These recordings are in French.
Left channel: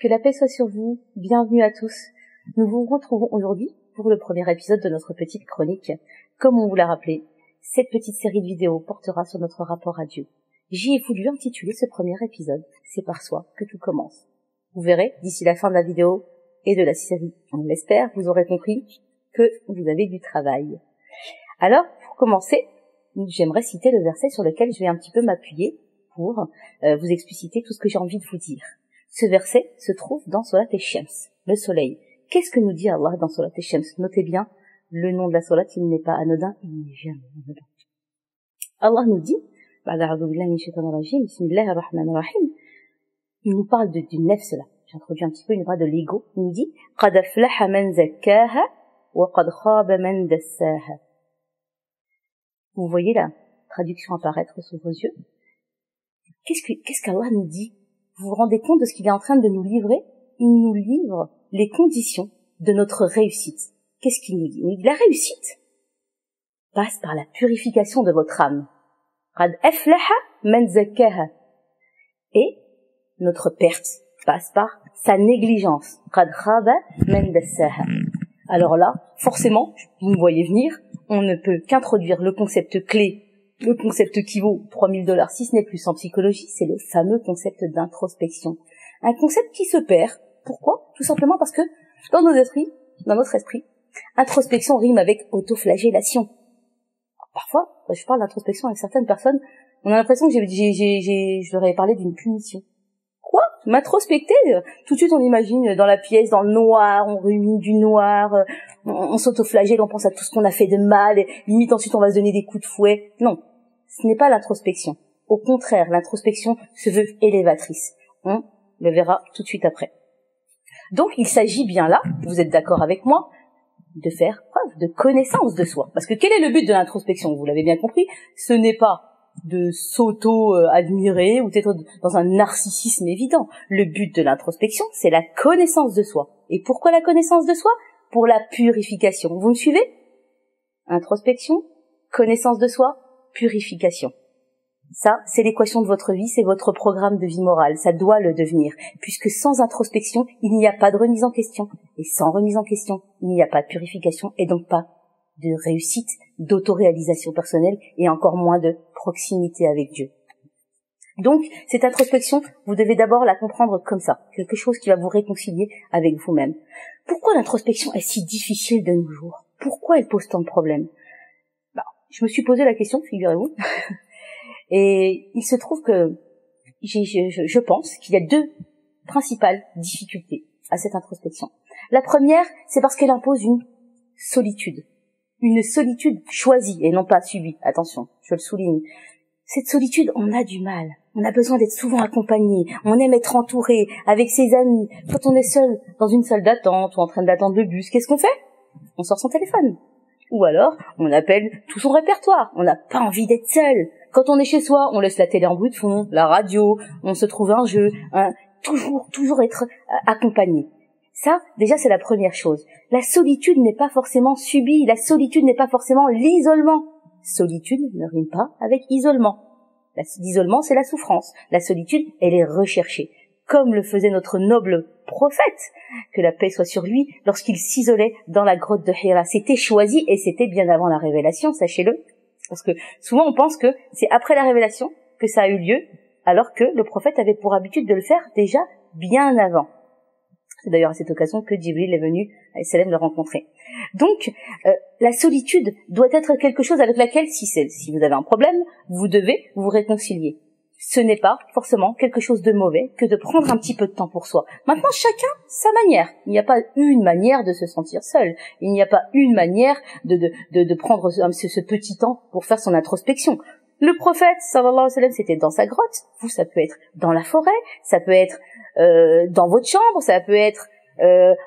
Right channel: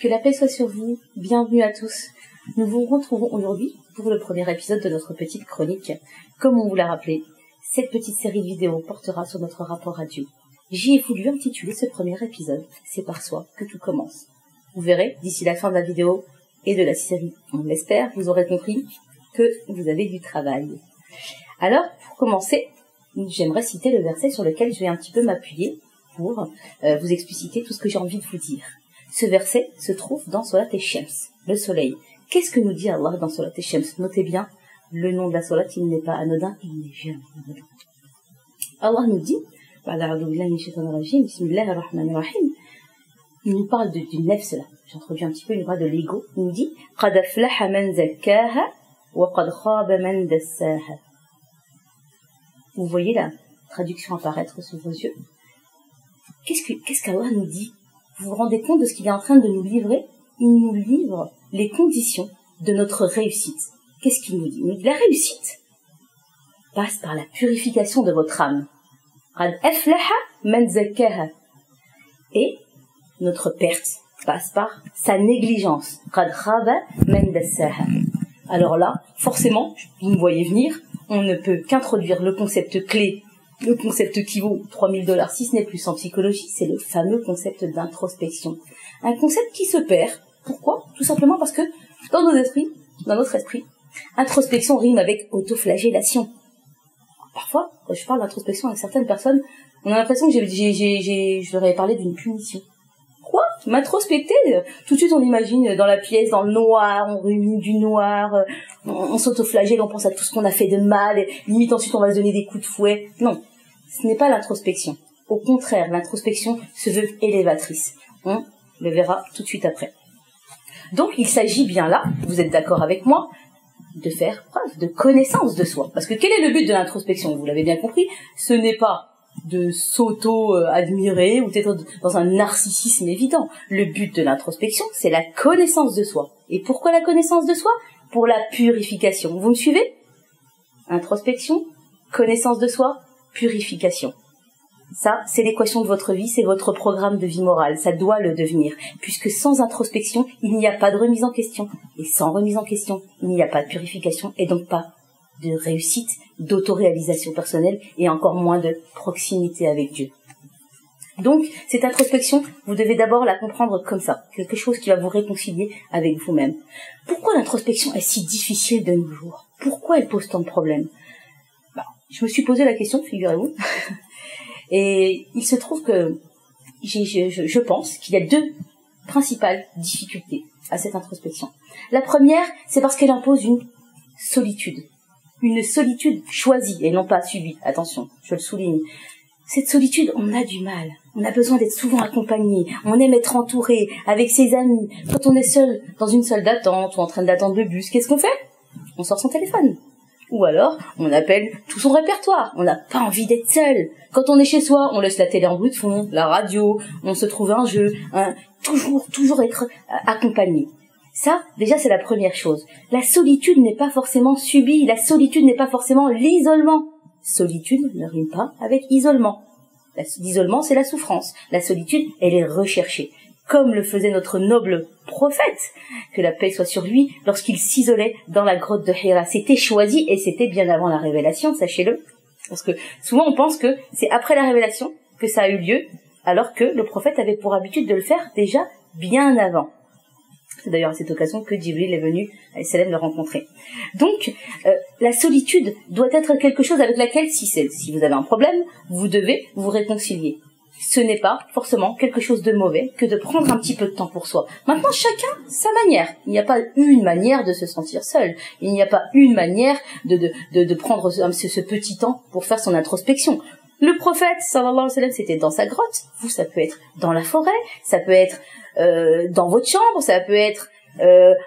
Que la paix soit sur vous, bienvenue à tous. Nous vous retrouvons aujourd'hui pour le premier épisode de notre petite chronique. Comme on vous l'a rappelé, cette petite série de vidéos portera sur notre rapport à Dieu. J'y ai voulu intituler ce premier épisode « C'est par soi que tout commence ». Vous verrez, d'ici la fin de la vidéo et de la série, on l'espère, vous aurez compris que vous avez du travail. Alors, pour commencer, j'aimerais citer le verset sur lequel je vais un petit peu m'appuyer pour vous expliciter tout ce que j'ai envie de vous dire. Ce verset se trouve dans Solat Shams, le soleil. Qu'est-ce que nous dit Allah dans Solat Shams? Notez bien, le nom de la Solat, il n'est pas anodin, il n'est jamais anodin. Allah nous dit, il nous parle du nefs là, j'introduis un petit peu, il nous parle de l'ego, il nous dit قَدْ أَفْلَحَ مَنْ زَكَّاهَا وَقَدْ خَابَ مَنْ دَسَّاهَا. Vous voyez la traduction apparaître sous vos yeux. Qu'est-ce qu'Allah nous dit? Vous vous rendez compte de ce qu'il est en train de nous livrer? Il nous livre les conditions de notre réussite. Qu'est-ce qu'il nous dit? Il nous dit la réussite passe par la purification de votre âme. قَدْ أَفْلَحَ مَنْ زَكَّاهَا. Et notre perte passe par sa négligence. قَدْ خَابَ مَنْ دَسَّاهَا. Alors là, forcément, vous me voyez venir, on ne peut qu'introduire le concept clé, le concept qui vaut $3000, si ce n'est plus en psychologie, c'est le fameux concept d'introspection. Un concept qui se perd. Pourquoi? Tout simplement parce que dans notre esprit, introspection rime avec autoflagellation. Parfois, quand je parle d'introspection avec certaines personnes, on a l'impression que je leur ai parlé d'une punition. Quoi? M'introspecter? Tout de suite on imagine dans la pièce, dans le noir, on rumine du noir, on s'autoflagelle, on pense à tout ce qu'on a fait de mal, et limite ensuite on va se donner des coups de fouet. Non, ce n'est pas l'introspection. Au contraire, l'introspection se veut élévatrice. On le verra tout de suite après. Donc il s'agit bien là, vous êtes d'accord avec moi, de faire preuve de connaissance de soi. Parce que quel est le but de l'introspection? Vous l'avez bien compris, ce n'est pas de s'auto-admirer ou d'être dans un narcissisme évident. Le but de l'introspection, c'est la connaissance de soi. Et pourquoi la connaissance de soi? Pour la purification. Vous me suivez? Introspection, connaissance de soi, purification. Ça, c'est l'équation de votre vie, c'est votre programme de vie morale. Ça doit le devenir. Puisque sans introspection, il n'y a pas de remise en question. Et sans remise en question, il n'y a pas de purification et donc pas de réussite, d'autoréalisation personnelle et encore moins de proximité avec Dieu. Donc, cette introspection, vous devez d'abord la comprendre comme ça, quelque chose qui va vous réconcilier avec vous-même. Pourquoi l'introspection est si difficile de nos jours? Pourquoi elle pose tant de problèmes? Je me suis posé la question, figurez-vous, et il se trouve que je pense qu'il y a deux principales difficultés à cette introspection. La première, c'est parce qu'elle impose une solitude choisie et non pas subie. Attention, je le souligne. Cette solitude, on a du mal. On a besoin d'être souvent accompagné. On aime être entouré avec ses amis. Quand on est seul dans une salle d'attente ou en train d'attendre le bus, qu'est-ce qu'on fait? On sort son téléphone. Ou alors, on appelle tout son répertoire. On n'a pas envie d'être seul. Quand on est chez soi, on laisse la télé en bruit de fond, la radio, on se trouve un jeu. Toujours être accompagné. Ça, déjà, c'est la première chose. La solitude n'est pas forcément subie. La solitude n'est pas forcément l'isolement. Solitude ne rime pas avec isolement. L'isolement, c'est la souffrance. La solitude, elle est recherchée. Comme le faisait notre noble prophète, que la paix soit sur lui, lorsqu'il s'isolait dans la grotte de Hira. C'était choisi et c'était bien avant la révélation, sachez-le. Parce que souvent, on pense que c'est après la révélation que ça a eu lieu, alors que le prophète avait pour habitude de le faire déjà bien avant. C'est d'ailleurs à cette occasion que Djibril est venu à Salem le rencontrer. Donc, la solitude doit être quelque chose avec laquelle, si vous avez un problème, vous devez vous réconcilier. Ce n'est pas forcément quelque chose de mauvais que de prendre un petit peu de temps pour soi. Maintenant, chacun sa manière. Il n'y a pas une manière de se sentir seul. Il n'y a pas une manière de prendre ce petit temps pour faire son introspection. Le prophète, sallallahu alayhi wa sallam, c'était dans sa grotte. Vous, ça peut être dans la forêt, ça peut être dans votre chambre, ça peut être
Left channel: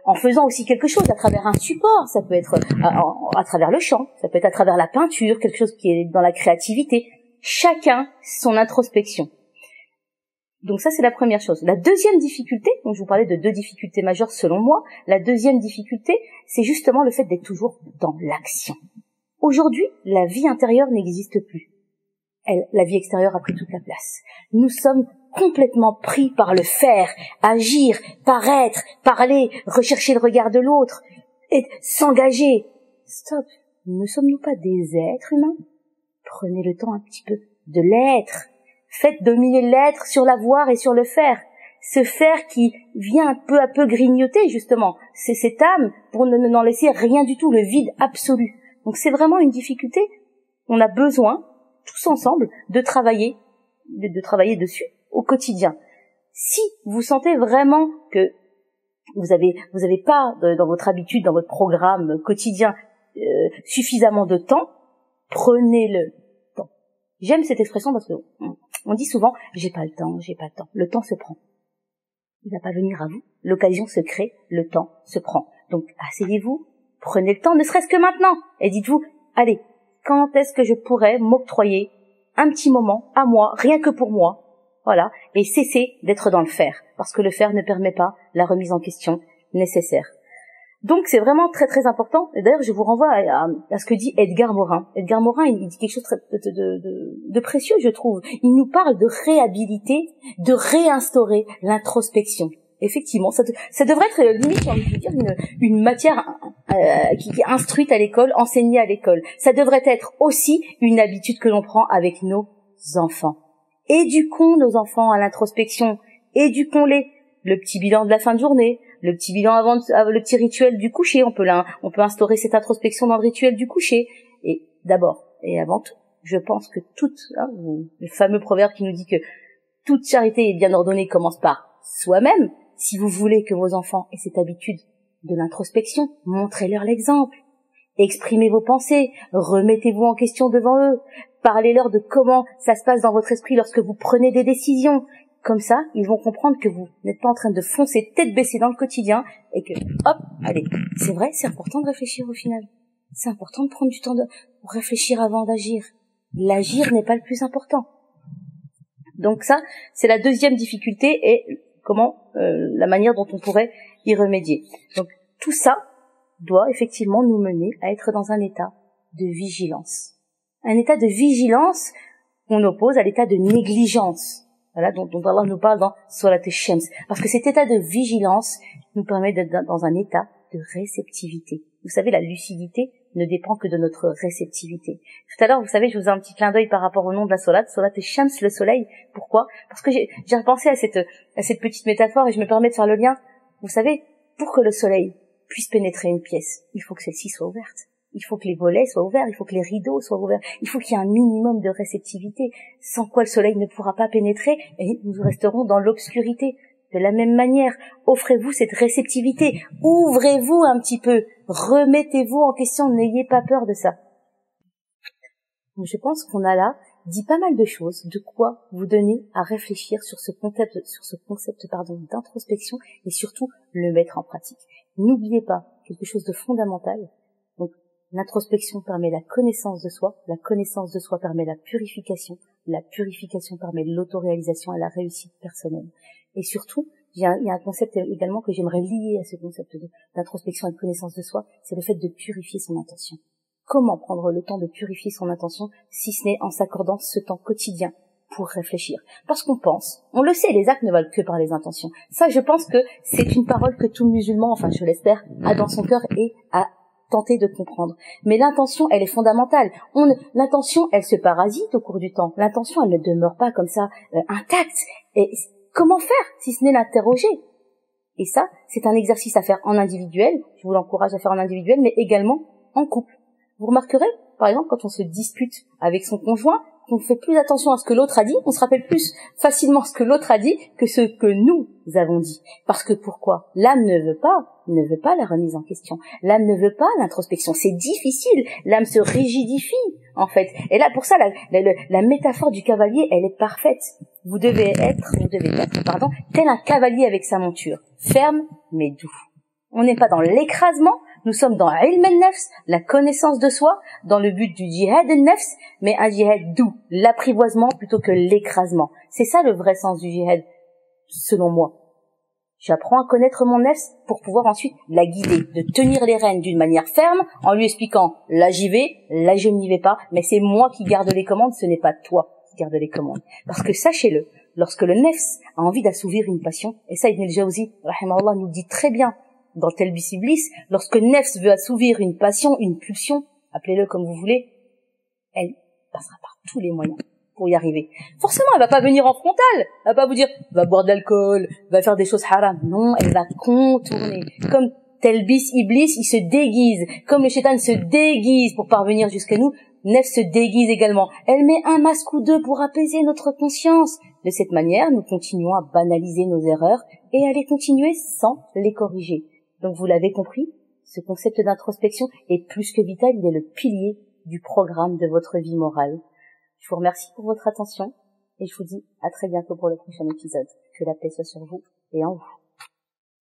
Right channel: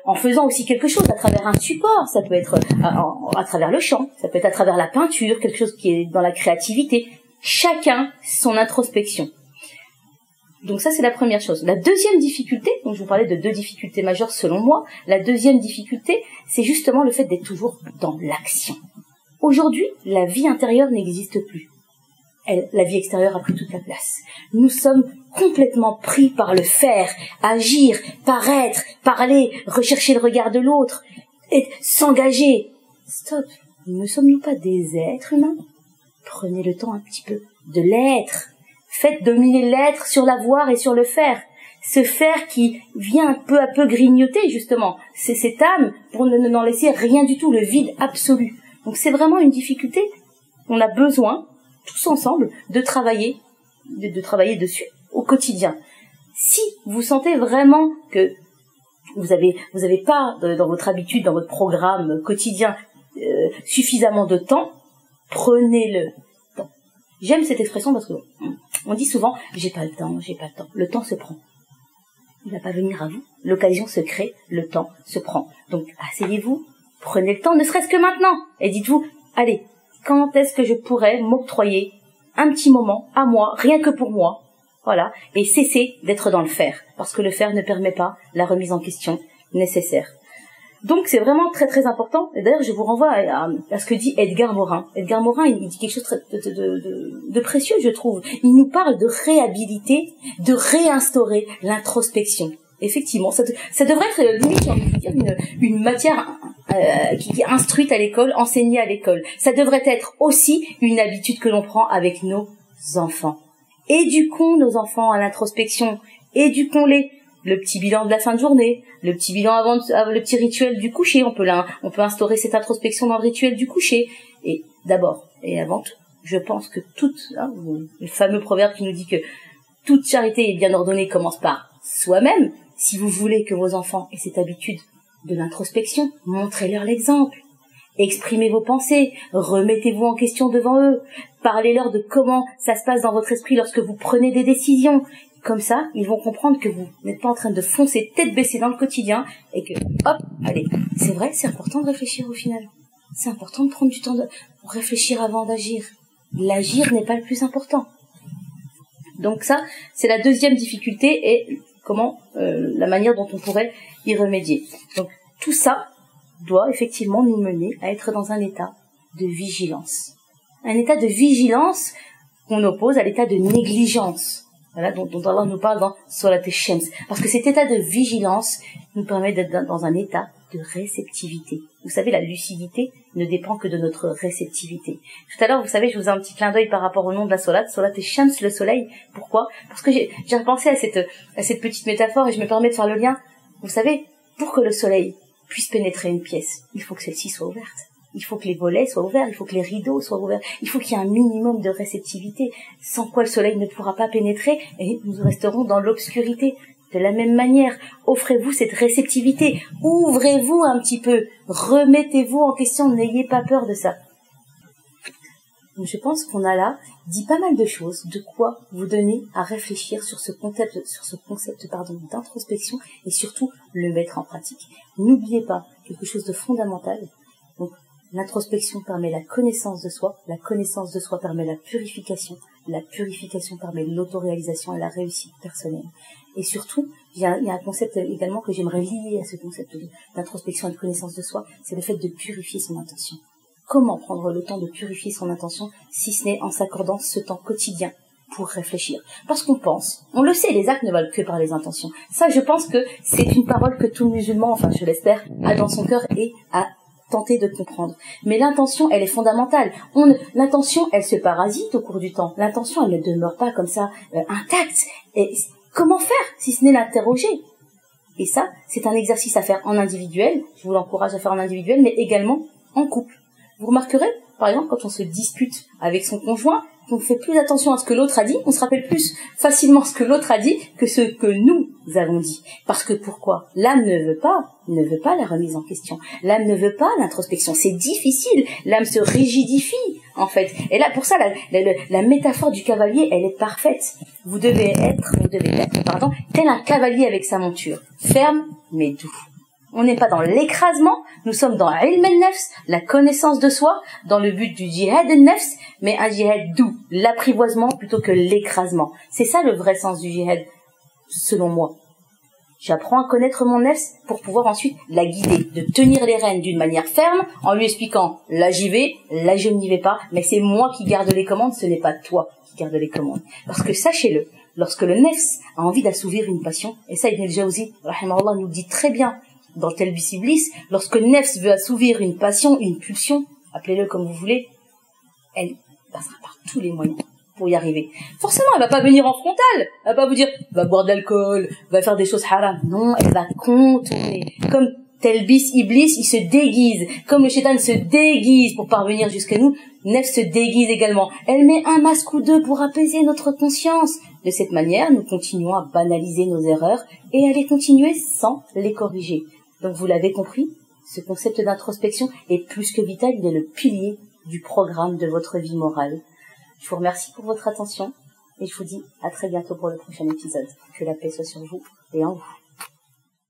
en faisant aussi quelque chose à travers un support, ça peut être à travers le chant, ça peut être à travers la peinture, quelque chose qui est dans la créativité. Chacun son introspection. Donc ça, c'est la première chose. La deuxième difficulté, donc je vous parlais de deux difficultés majeures selon moi, la deuxième difficulté, c'est justement le fait d'être toujours dans l'action. Aujourd'hui, la vie intérieure n'existe plus. la vie extérieure a pris toute la place. Nous sommes complètement pris par le faire, agir, paraître, parler, rechercher le regard de l'autre, s'engager. Stop. Ne sommes-nous pas des êtres humains? Prenez le temps un petit peu de l'être. Faites dominer l'être sur l'avoir et sur le faire. Ce faire qui vient peu à peu grignoter, justement. C'est cette âme pour n'en laisser rien du tout, le vide absolu. Donc c'est vraiment une difficulté. On a besoin, tous ensemble, de travailler dessus au quotidien. Si vous sentez vraiment que vous avez pas dans votre habitude, dans votre programme quotidien, suffisamment de temps, prenez-le. Bon. J'aime cette expression parce que on dit souvent j'ai pas le temps. Le temps se prend. Il va pas venir à vous. L'occasion se crée, le temps se prend. Donc asseyez-vous, prenez le temps, ne serait-ce que maintenant, et dites-vous allez, quand est-ce que je pourrais m'octroyer un petit moment à moi, rien que pour moi, voilà, et cessez d'être dans le faire, parce que le faire ne permet pas la remise en question nécessaire. Donc c'est vraiment très très important, et d'ailleurs je vous renvoie à ce que dit Edgar Morin. Edgar Morin, il dit quelque chose de précieux, je trouve. Il nous parle de réhabiliter, de réinstaurer l'introspection. Effectivement, ça devrait être limite, j'ai envie de vous dire, une matière qui est instruite à l'école, enseignée à l'école. Ça devrait être aussi une habitude que l'on prend avec nos enfants. Éduquons nos enfants à l'introspection, éduquons-les. Le petit bilan de la fin de journée, le petit bilan le petit rituel du coucher, on peut instaurer cette introspection dans le rituel du coucher. Et d'abord et avant tout, je pense que le fameux proverbe qui nous dit que toute charité est bien ordonnée commence par soi-même. Si vous voulez que vos enfants aient cette habitude de l'introspection, montrez-leur l'exemple. Exprimez vos pensées, remettez-vous en question devant eux, parlez-leur de comment ça se passe dans votre esprit lorsque vous prenez des décisions. Comme ça, ils vont comprendre que vous n'êtes pas en train de foncer tête baissée dans le quotidien et que, hop, allez, c'est vrai, c'est important de réfléchir au final. C'est important de prendre du temps pour réfléchir avant d'agir. L'agir n'est pas le plus important. Donc ça, c'est la deuxième difficulté et la manière dont on pourrait y remédier. Donc tout ça doit effectivement nous mener à être dans un état de vigilance. Un état de vigilance qu'on oppose à l'état de négligence. Voilà, dont Allah nous parle dans Surat al-Shams. Parce que cet état de vigilance nous permet d'être dans un état de réceptivité. Vous savez, la lucidité ne dépend que de notre réceptivité. Tout à l'heure, vous savez, je vous ai un petit clin d'œil par rapport au nom de la Surat al-Shams, le soleil. Pourquoi? Parce que j'ai repensé à cette petite métaphore et je me permets de faire le lien. Vous savez, pour que le soleil puisse pénétrer une pièce, il faut que celle-ci soit ouverte. Il faut que les volets soient ouverts, il faut que les rideaux soient ouverts, il faut qu'il y ait un minimum de réceptivité, sans quoi le soleil ne pourra pas pénétrer et nous resterons dans l'obscurité. De la même manière, offrez-vous cette réceptivité, ouvrez-vous un petit peu, remettez-vous en question, n'ayez pas peur de ça. Donc je pense qu'on a là dit pas mal de choses, de quoi vous donner à réfléchir sur ce concept d'introspection et surtout le mettre en pratique. N'oubliez pas quelque chose de fondamental. Donc, l'introspection permet la connaissance de soi permet la purification permet l'autoréalisation et la réussite personnelle. Et surtout, il y a un concept également que j'aimerais lier à ce concept d'introspection et de connaissance de soi, c'est le fait de purifier son intention. Comment prendre le temps de purifier son intention si ce n'est en s'accordant ce temps quotidien pour réfléchir? Parce qu'on pense, on le sait, les actes ne valent que par les intentions. Ça, je pense que c'est une parole que tout musulman, enfin je l'espère, a dans son cœur et a tenter de comprendre. Mais l'intention, elle est fondamentale. L'intention, elle se parasite au cours du temps. L'intention, elle ne demeure pas comme ça intacte. Et comment faire si ce n'est l'interroger? Et ça, c'est un exercice à faire en individuel. Je vous l'encourage à faire en individuel, mais également en couple. Vous remarquerez, par exemple, quand on se dispute avec son conjoint, qu'on fait plus attention à ce que l'autre a dit, on se rappelle plus facilement ce que l'autre a dit que ce que nous avons dit. Parce que pourquoi? L'âme ne veut pas la remise en question. L'âme ne veut pas l'introspection. C'est difficile. L'âme se rigidifie, en fait. Et là, pour ça, la métaphore du cavalier, elle est parfaite. Vous devez être, tel un cavalier avec sa monture. Ferme, mais doux. On n'est pas dans l'écrasement, nous sommes dans ilm al-nafs, la connaissance de soi, dans le but du jihad al-nafs, mais un jihad doux, l'apprivoisement plutôt que l'écrasement. C'est ça le vrai sens du jihad, selon moi. J'apprends à connaître mon nefs pour pouvoir ensuite la guider, de tenir les rênes d'une manière ferme en lui expliquant là j'y vais, là je n'y vais pas, mais c'est moi qui garde les commandes, ce n'est pas toi qui garde les commandes. Parce que sachez-le, lorsque le nefs a envie d'assouvir une passion, et ça Ibn al-Jawzi, rahimahullah, nous le dit très bien dans Talbis Iblis, lorsque le nefs veut assouvir une passion, une pulsion, appelez-le comme vous voulez, elle passera par tous les moyens pour y arriver. Forcément, elle va pas venir en frontal. Elle va pas vous dire, va boire de l'alcool, va faire des choses haram. Non, elle va contourner. Comme Talbis Iblis, il se déguise. Comme le shaitan se déguise pour parvenir jusqu'à nous, Nefs se déguise également. Elle met un masque ou deux pour apaiser notre conscience. De cette manière, nous continuons à banaliser nos erreurs et à les continuer sans les corriger. Donc vous l'avez compris, ce concept d'introspection est plus que vital, il est le pilier du programme de votre vie morale. Je vous remercie pour votre attention et je vous dis à très bientôt pour le prochain épisode. Que la paix soit sur vous et en vous.